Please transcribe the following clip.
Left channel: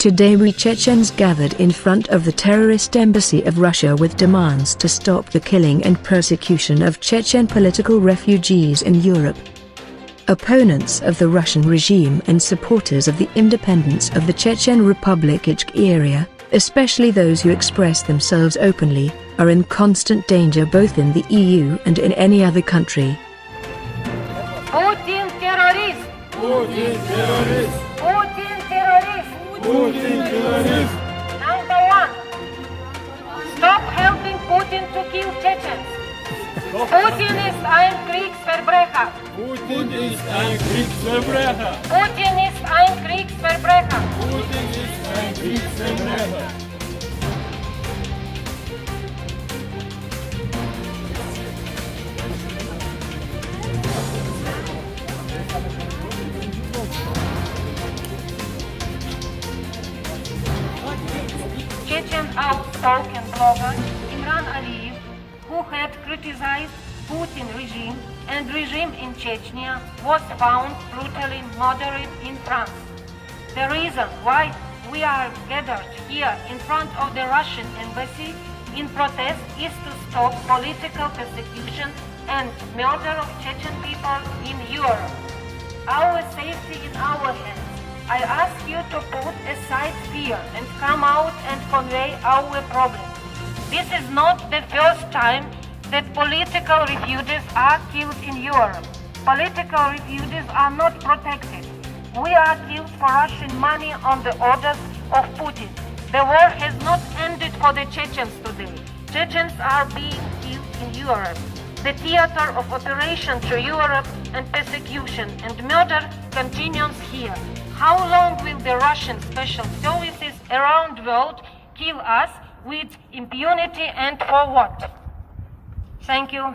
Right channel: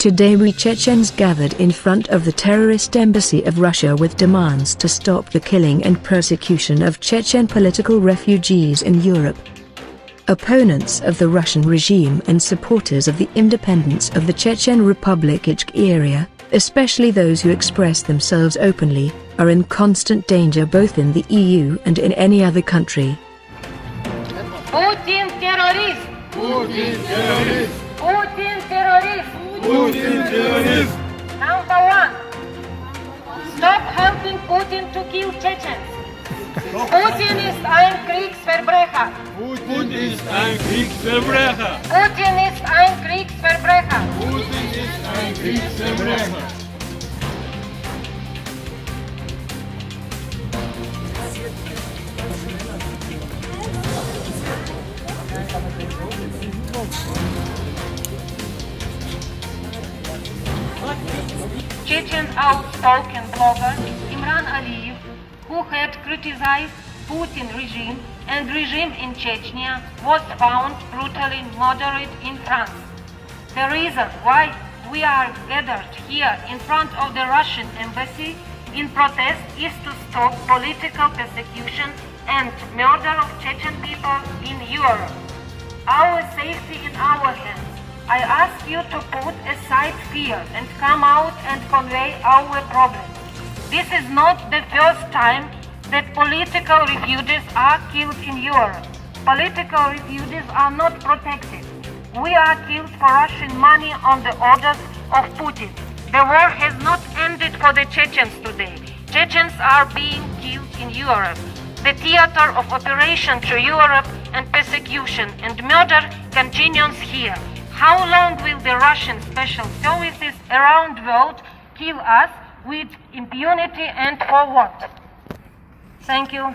Today we Chechens gathered in front of the terrorist embassy of Russia with demands to stop the killing and persecution of Chechen political refugees in Europe. Opponents of the Russian regime and supporters of the independence of the Chechen Republic area, especially those who express themselves openly, are in constant danger both in the EU and in any other country. Putin terrorist! Putin terrorist! Putin terrorist! Putin terrorist! Number one, stop helping Putin to kill Chechens. Putin ist ein Kriegsverbrecher. Putin ist ein Kriegsverbrecher. Putin ist ein Kriegsverbrecher. Putin ist ein Kriegsverbrecher. Chechen outspoken blogger Imran Aliyev, who had criticized Putin regime and regime in Chechnya, was found brutally murdered in France. The reason why we are gathered here in front of the Russian embassy in protest is to stop political persecution and murder of Chechen people in Europe. Our safety in our hands. I ask you to put aside fear and come out and convey our problem. This is not the first time that political refugees are killed in Europe. Political refugees are not protected. We are killed for Russian money on the orders of Putin. The war has not ended for the Chechens today. Chechens are being killed in Europe. The theater of operation to Europe and persecution and murder continues here. How long will the Russian special services around the world kill us with impunity and for what? Thank you.